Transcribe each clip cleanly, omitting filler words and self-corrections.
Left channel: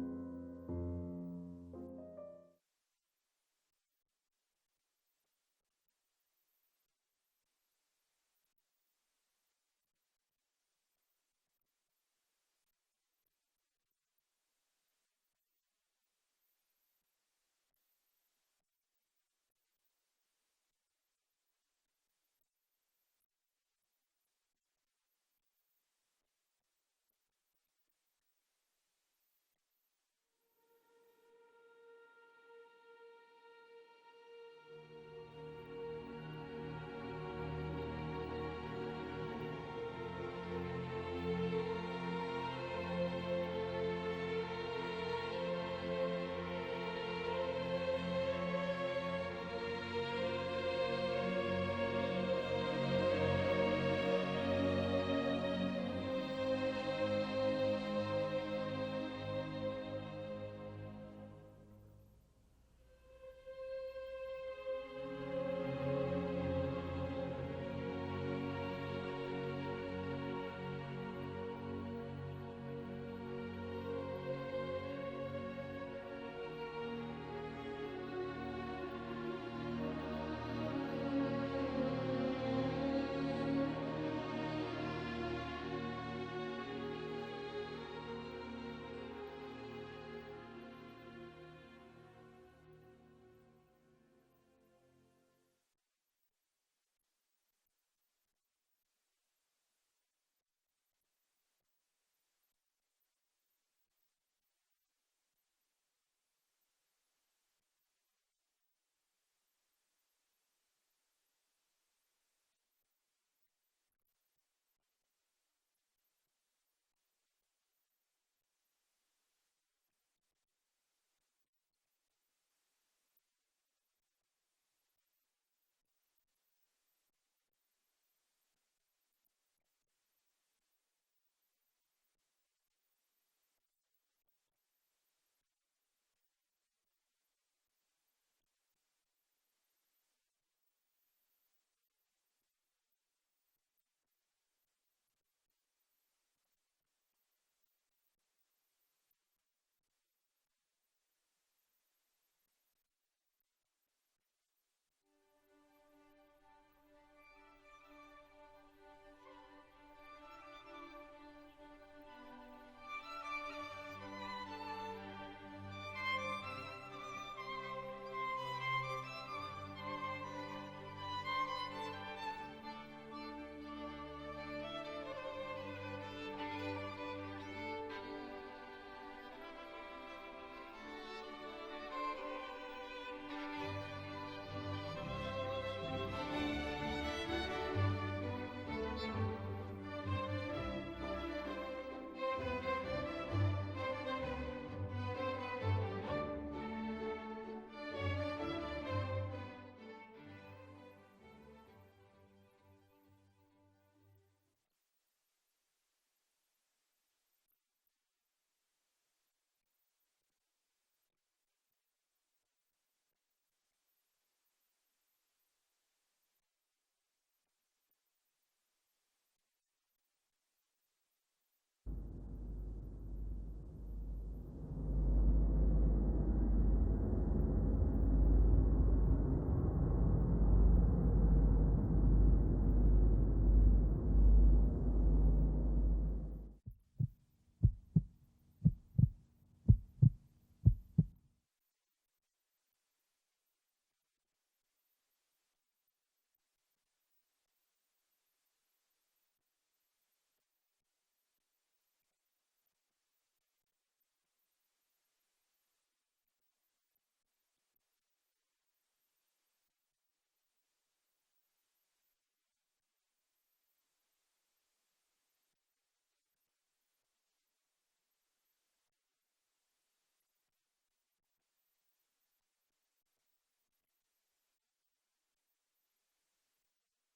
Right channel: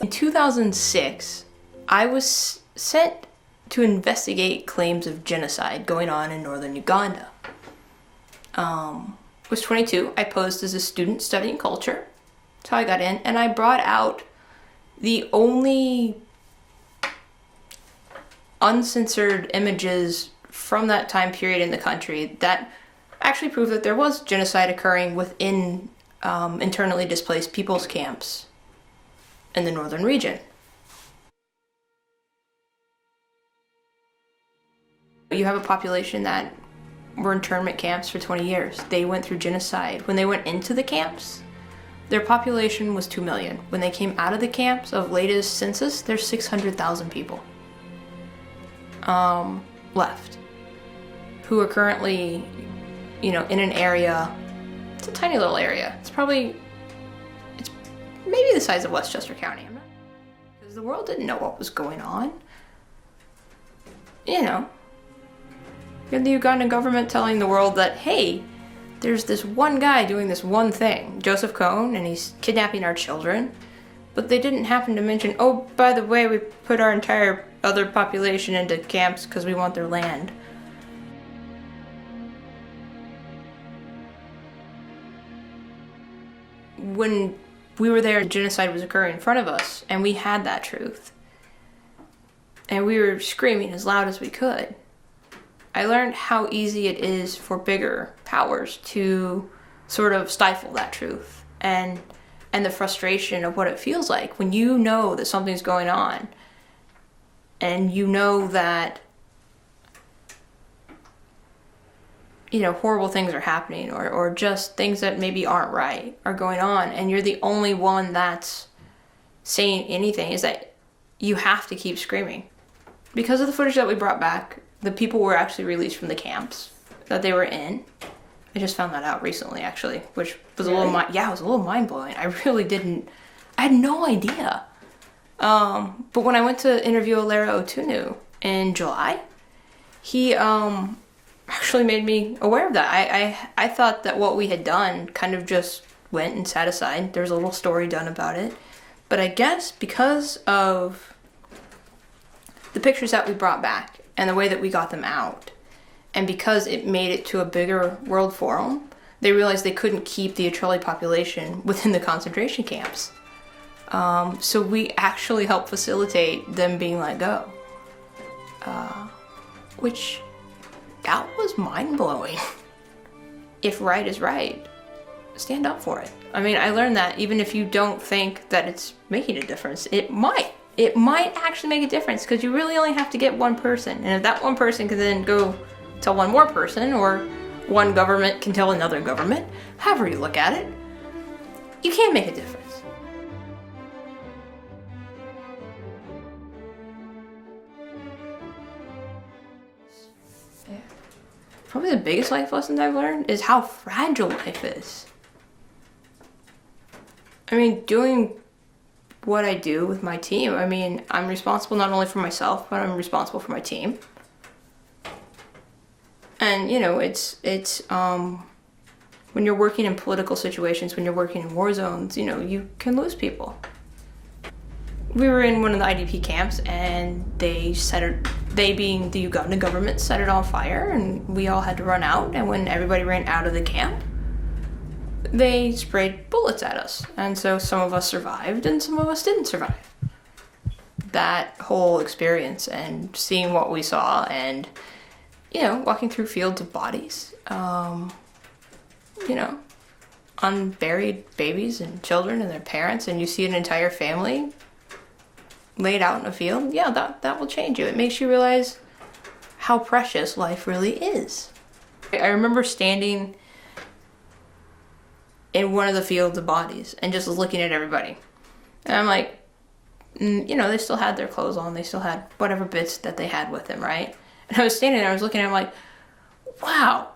In 2006, I was sent to investigate claims of genocide going on in northern Uganda. I was 22. I posed as a student studying culture. That's how I got in, and I brought out the only uncensored images from that time period in the country that actually prove that there was genocide occurring within internally displaced people's camps in the northern region. You have a population that were internment camps for 20 years. They went through genocide. When they went into the camps, their population was 2 million. When they came out of the camps of latest census, there's 600,000 people left who are currently, in an area. It's a tiny little area. It's maybe the size of Westchester County. Because the world didn't know what was going on. You had the Ugandan government telling the world that, hey, there's this one guy doing this one thing, Joseph Cohn, and he's kidnapping our children. But they didn't happen to mention, oh, by the way, we put our entire other population into camps because we want their land. When we were there, genocide was occurring in front of us, and we had that truth. And we were screaming as loud as we could. I learned how easy it is for bigger powers to sort of stifle that truth and the frustration of what it feels like when you know that something's going on and you know that horrible things are happening or just things that maybe aren't right are going on, and you're the only one that's saying anything, is that you have to keep screaming. Because of the footage that we brought back, the people were actually released from the camps that they were in. I just found that out recently, actually, which was it was a little mind-blowing. I had no idea. But when I went to interview Olera Otunu in July, he actually made me aware of that. I thought that what we had done kind of just went and sat aside. There's a little story done about it. But I guess because of the pictures that we brought back and the way that we got them out, and because it made it to a bigger world forum, they realized they couldn't keep the Acholi population within the concentration camps. So we actually helped facilitate them being let go. Which, that was mind-blowing. If right is right, stand up for it. I mean, I learned that even if you don't think that it's making a difference, it might. It might actually make a difference, because you really only have to get one person. And if that one person can then go tell one more person, or one government can tell another government, however you look at it, you can make a difference. Probably the biggest life lesson I've learned is how fragile life is. I mean, doing what I do with my team, I'm responsible not only for myself, but I'm responsible for my team. And, it's when you're working in political situations, when you're working in war zones, you can lose people. We were in one of the IDP camps, and they being the Ugandan government, set it on fire, and we all had to run out. And when everybody ran out of the camp, they sprayed bullets at us. And so some of us survived, and some of us didn't survive. That whole experience, and seeing what we saw, and walking through fields of bodies, unburied babies and children and their parents, and you see an entire family laid out in a field, that will change you. It makes you realize how precious life really is. I remember standing in one of the fields of bodies and just looking at everybody. And I'm like, they still had their clothes on, they still had whatever bits that they had with them, right? And I was standing there, I was looking at them like, wow.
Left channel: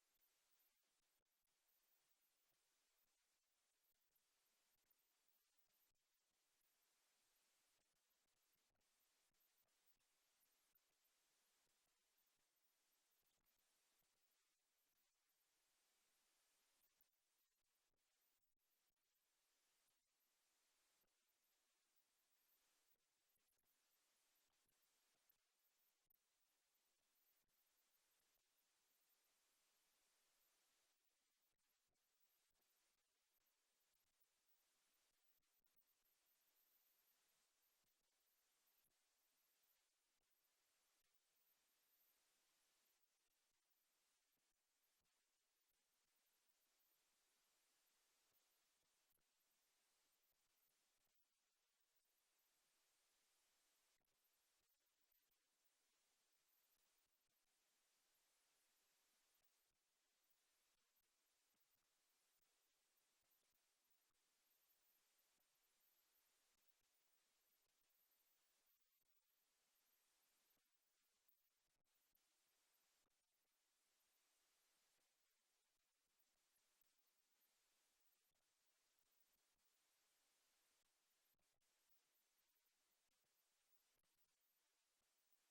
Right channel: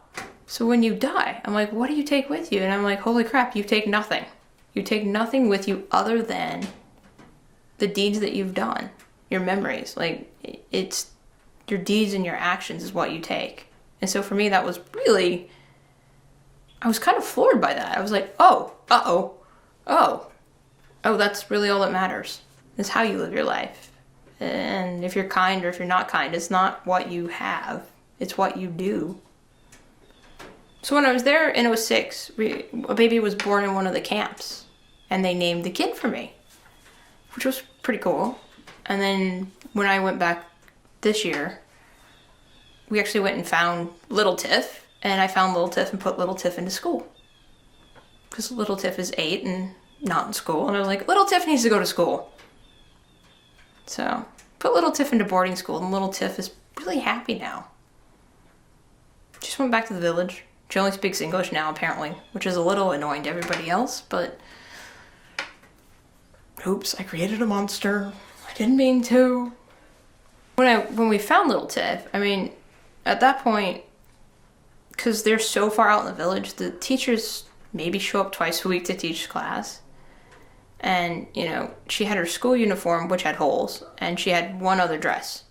So when you die, I'm like, what do you take with you? And I'm like, holy crap, you take nothing. You take nothing with you other than the deeds that you've done, your memories. Like, it's your deeds and your actions is what you take. And so for me, that was really, I was kind of floored by that. I was like, oh, that's really all that matters. It's how you live your life. And if you're kind or if you're not kind, it's not what you have, it's what you do. So when I was there in 2006, a baby was born in one of the camps, and they named the kid for me, which was pretty cool. And then when I went back this year, we actually went and found little Tiff, and I found little Tiff and put little Tiff into school. Because little Tiff is 8 and not in school, and I was like, little Tiff needs to go to school. So, put little Tiff into boarding school, and little Tiff is really happy now. Just went back to the village. She only speaks English now, apparently, which is a little annoying to everybody else, but... Oops, I created a monster. I didn't mean to. When we found little Tiff, I mean, at that point, because they're so far out in the village, the teachers maybe show up twice a week to teach class. And, you know, she had her school uniform, which had holes, and she had one other dress.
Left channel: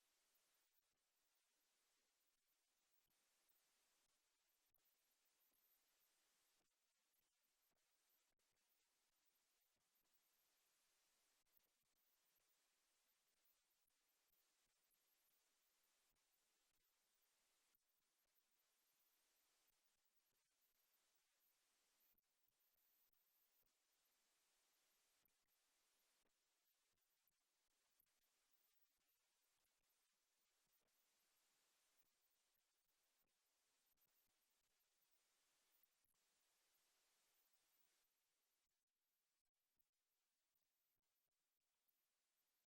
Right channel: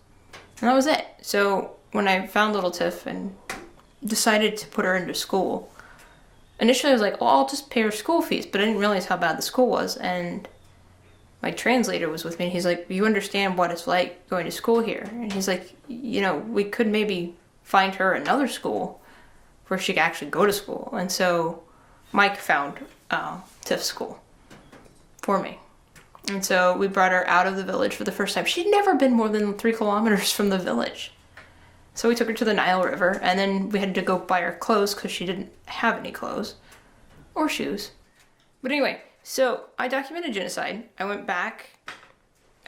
And that was it. So when I found little Tiff and decided to put her into school, initially I was like, oh, I'll just pay her school fees, but I didn't realize how bad the school was. And my translator was with me, and he's like, you understand what it's like going to school here? And he's like, you know, we could maybe find her another school where she could actually go to school. And so Mike found Tiff's school for me. And so we brought her out of the village for the first time. She'd never been more than 3 kilometers from the village. So we took her to the Nile River, and then we had to go buy her clothes because she didn't have any clothes or shoes. But anyway, so I documented genocide. I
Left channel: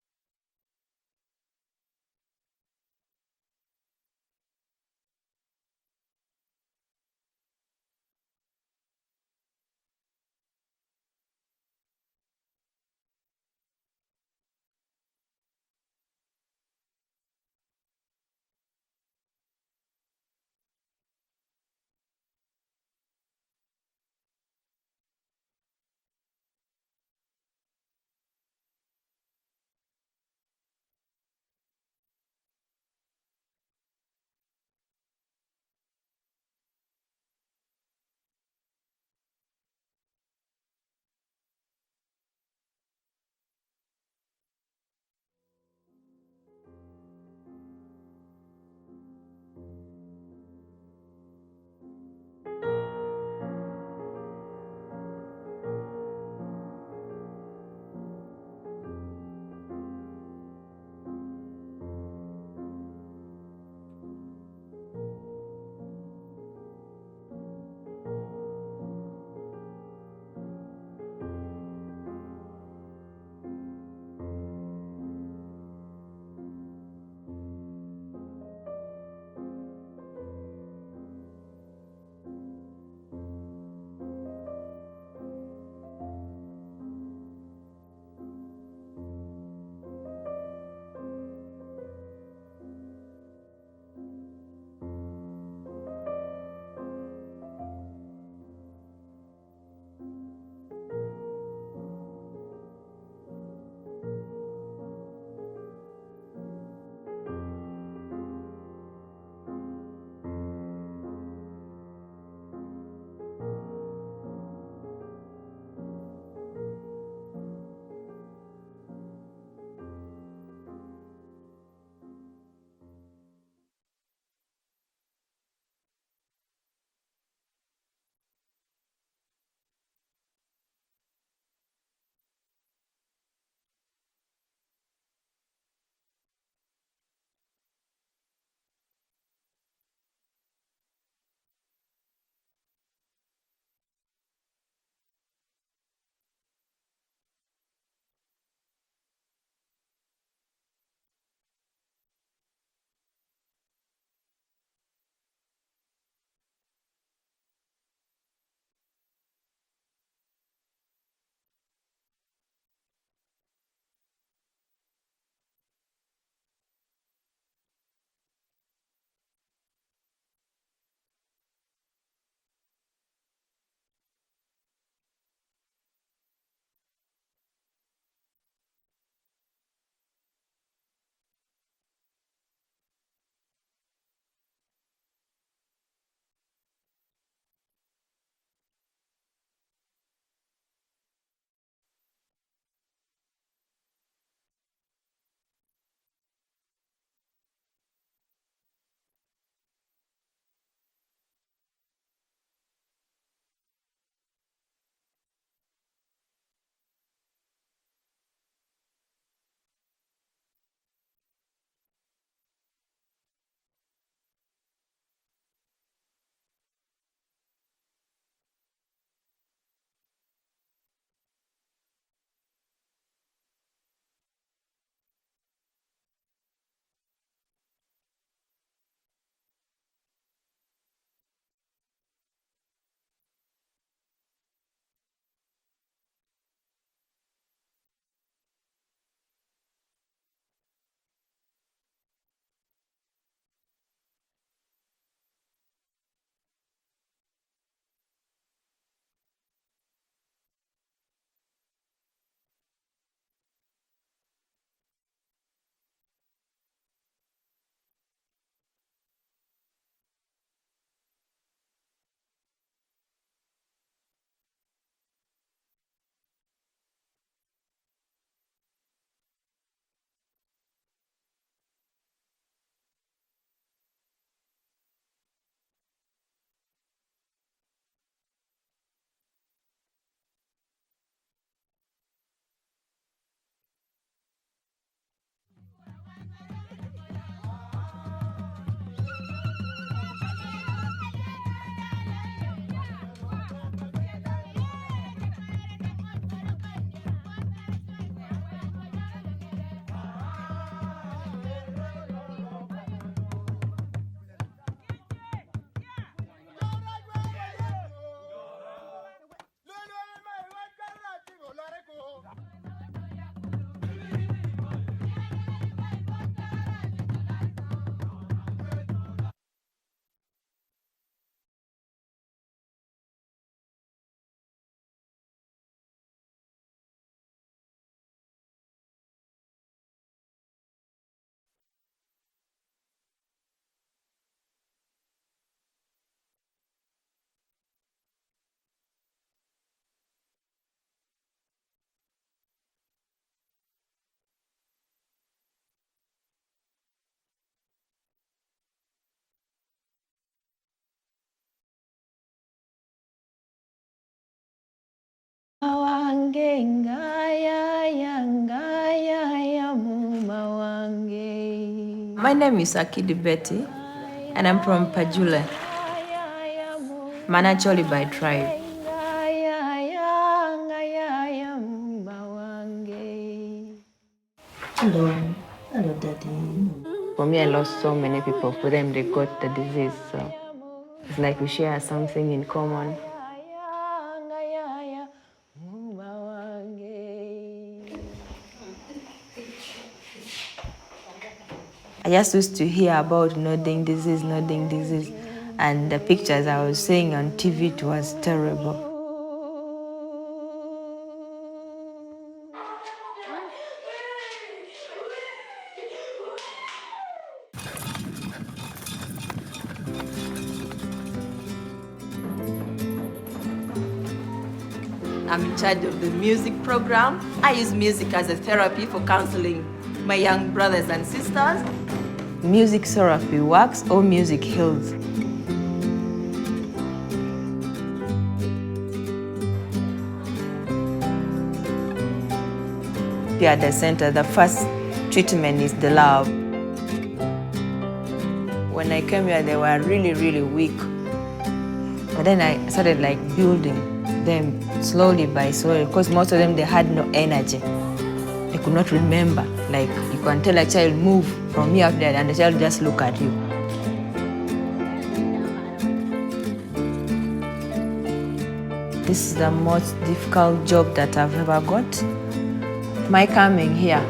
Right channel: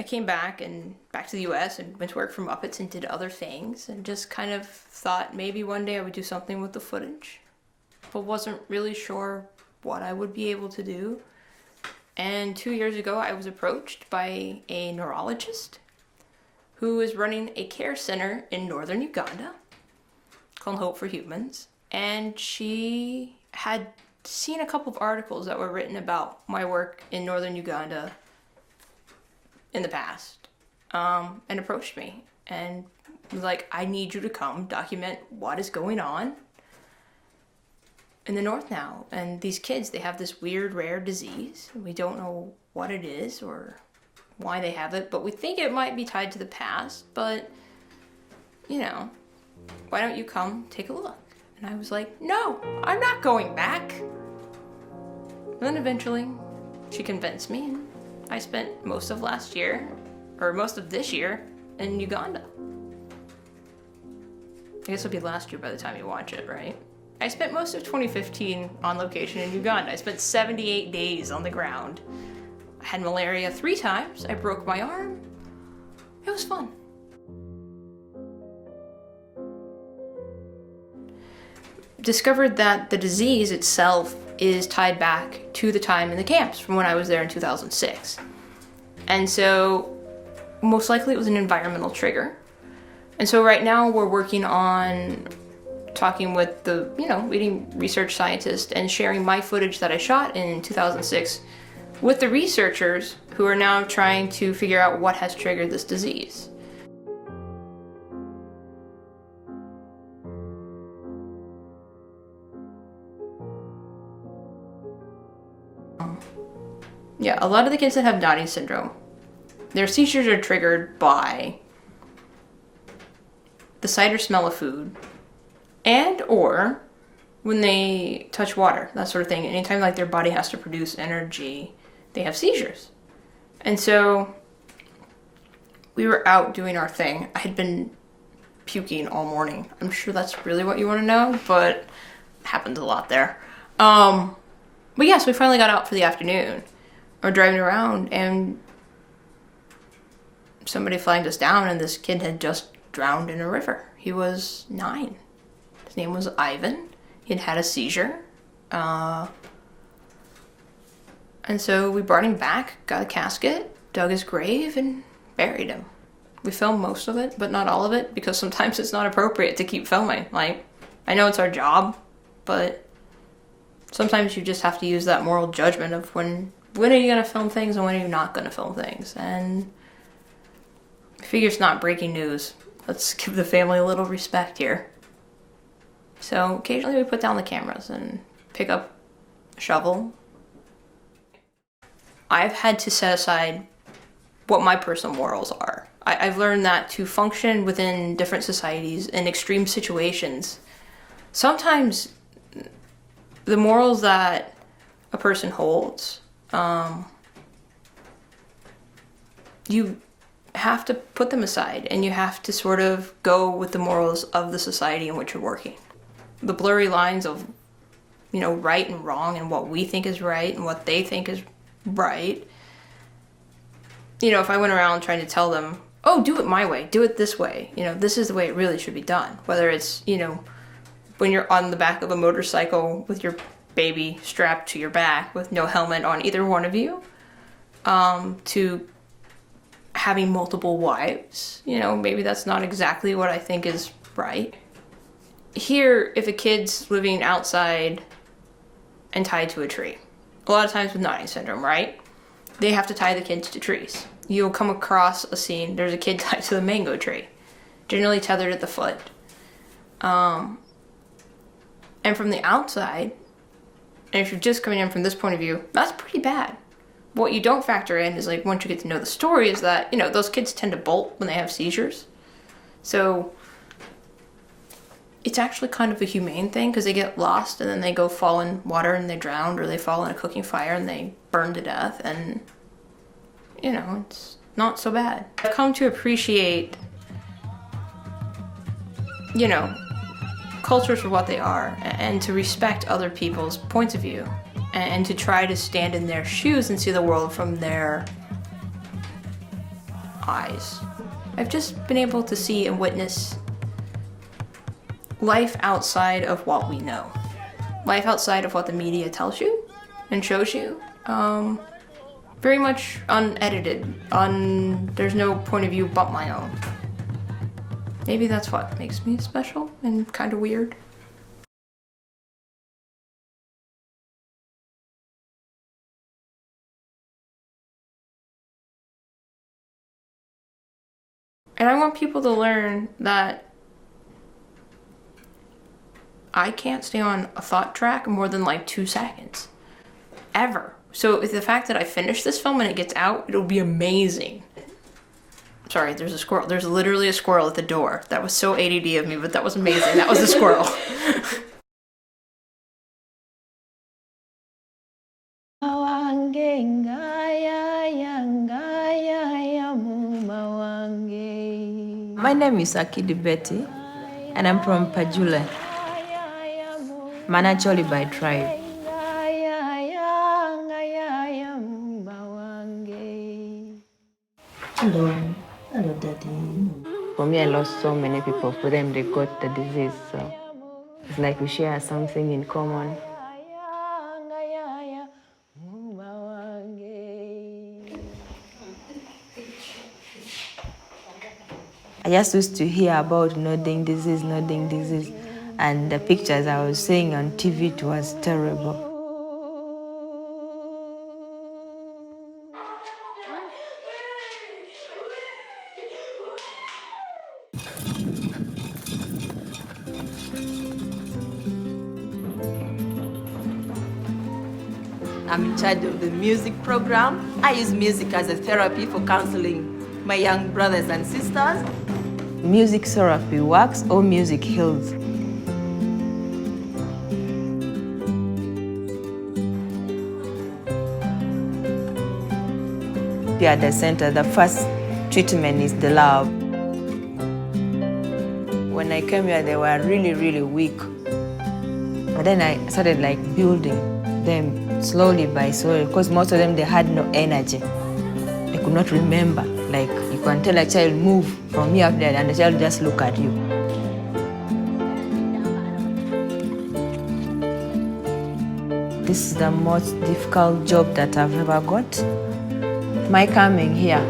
came back to the US and went to work for Muppets and did other things, and just kind of thought maybe one day I would do something with the footage, but wasn't really sure what I would be able to do. And 2 years ago, I was approached by a neurologist who is running a care center in northern Uganda called Hope for Humans. And she had seen a couple of articles that were written about my work in northern Uganda in the past, and approached me and was like, I need you to come document what is going on in the north now. And these kids, they have this weird, rare disease. We don't know what it is or why they have it, but we think it might be tied to the past. But, you know, why don't you come take a look? And I was like, no, I'm not going back. And then eventually she convinced me, and I spent most of last year, or most of this year, in Uganda. I guess it'll be last year by the time you watch it, right? I spent most of 2015 on location in Uganda. I spent 78 days on the ground. I had malaria 3 times. I broke my arm. It was fun. Discovered that the disease itself is tied back to the time in the camps from when I was there in 2006. And so most likely it was an environmental trigger. And so right now we're working on talking with the, leading research scientist and sharing my footage that I shot in 2006 with the researchers who are now trying to figure out what has triggered this disease. Yeah, a lot of the kids that have Down syndrome, their seizures are triggered by the sight or smell of food, and or when they touch water, that sort of thing. Anytime like their body has to produce energy, they have seizures. And so we were out doing our thing. I had been puking all morning. I'm sure that's really what you want to know, but it happens a lot there. But yeah, so we finally got out for the afternoon. We're driving around, and somebody flagged us down, and this kid had just drowned in a river. He was 9. His name was Ivan. He'd had a seizure. And so we brought him back, got a casket, dug his grave, and buried him. We filmed most of it, but not all of it, because sometimes it's not appropriate to keep filming. Like, I know it's our job, but sometimes you just have to use that moral judgment of when are you going to film things and when are you not going to film things. And I figure it's not breaking news. Let's give the family a little respect here. So occasionally we put down the cameras and pick up a shovel. I've had to set aside what my personal morals are. I've learned that to function within different societies in extreme situations, sometimes the morals that a person holds, you have to put them aside and you have to sort of go with the morals of the society in which you're working. The blurry lines of, right and wrong and what we think is right and what they think is right. If I went around trying to tell them, oh, do it my way, do it this way, this is the way it really should be done. Whether it's, when you're on the back of a motorcycle with your baby strapped to your back with no helmet on either one of you, to having multiple wives, maybe that's not exactly what I think is right. Here, if a kid's living outside and tied to a tree, a lot of times with Nine syndrome, right? They have to tie the kids to trees. You'll come across a scene, there's a kid tied to the mango tree, generally tethered at the foot. And from the outside, and if you're just coming in from this point of view, that's pretty bad. What you don't factor in is, once you get to know the story, is that, those kids tend to bolt when they have seizures. So it's actually kind of a humane thing, because they get lost and then they go fall in water and they drown, or they fall in a cooking fire and they burn to death, and, it's not so bad. I've come to appreciate, cultures for what they are, and to respect other people's points of view, and to try to stand in their shoes and see the world from their eyes. I've just been able to see and witness life outside of what we know. Life outside of what the media tells you and shows you. Very much unedited. There's no point of view but my own. Maybe that's what makes me special and kind of weird. And I want people to learn that I can't stay on a thought track more than 2 seconds. Ever. So the fact that I finish this film and it gets out, it'll be amazing. Sorry, there's a squirrel. There's literally a squirrel at the door. That was so ADD of me, but that was amazing. That was a squirrel. My name is Akidi Betty, and I'm from Pajula, Manacholi by tribe. Hello, Daddy. For me, I lost so many people. For them, they got the disease, so it's like we share something in common. I just used to hear about nodding disease, and the pictures I was seeing on TV, it was terrible. I'm in charge of the music program. I use music as a therapy for counseling my young brothers and sisters. Music therapy works or music heals. Here at the center, the first treatment is the love. When I came here, they were really, really weak. But then I started building them slowly by slowly, because most of them, they had no energy. They could not remember. You can tell a child move from here up there and the child just look at you. This is the most difficult job that I've ever got. My coming here,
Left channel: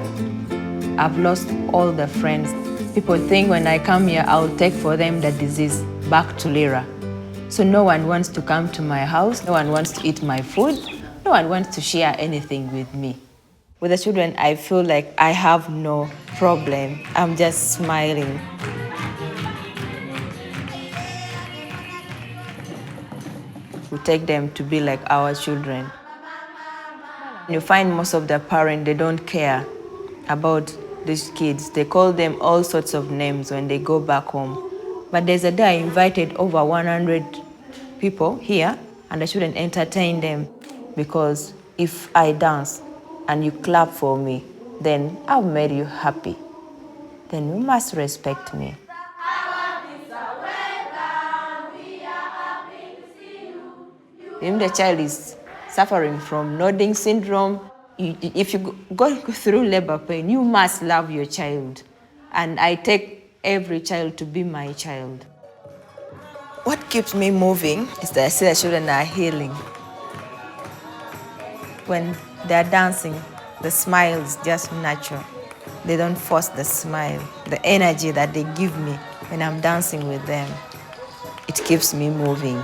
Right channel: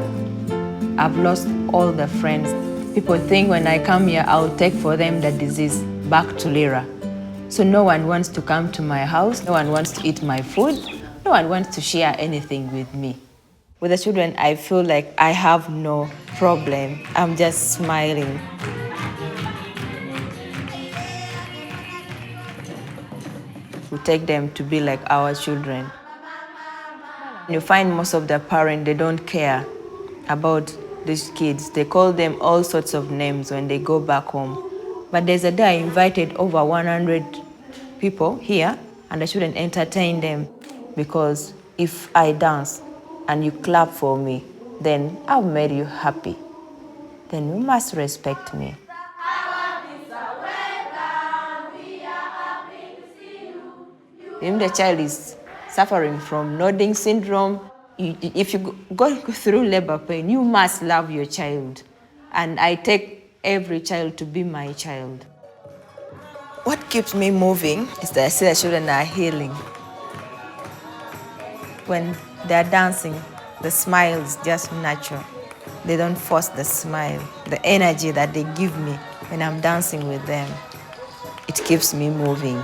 I've lost all the friends. People think when I come here, I'll take for them the disease back to Lira. So no one wants to come to my house, no one wants to eat my food, no one wants to share anything with me. With the children, I feel like I have no problem. I'm just smiling. We take them to be like our children. You find most of the parents, they don't care. about these kids. They call them all sorts of names when they go back home. But there's a day I invited over 100 people here, and I shouldn't entertain them, because if I dance and you clap for me, then I've made you happy. Then you must respect me. If the child is suffering from nodding syndrome, if you go through labor pain, you must love your child. And I take every child to be my child. What keeps me moving is that I see that children are healing. When they're dancing, the smile is just natural. They don't force the smile. The energy that they give me when I'm dancing with them, it keeps me moving.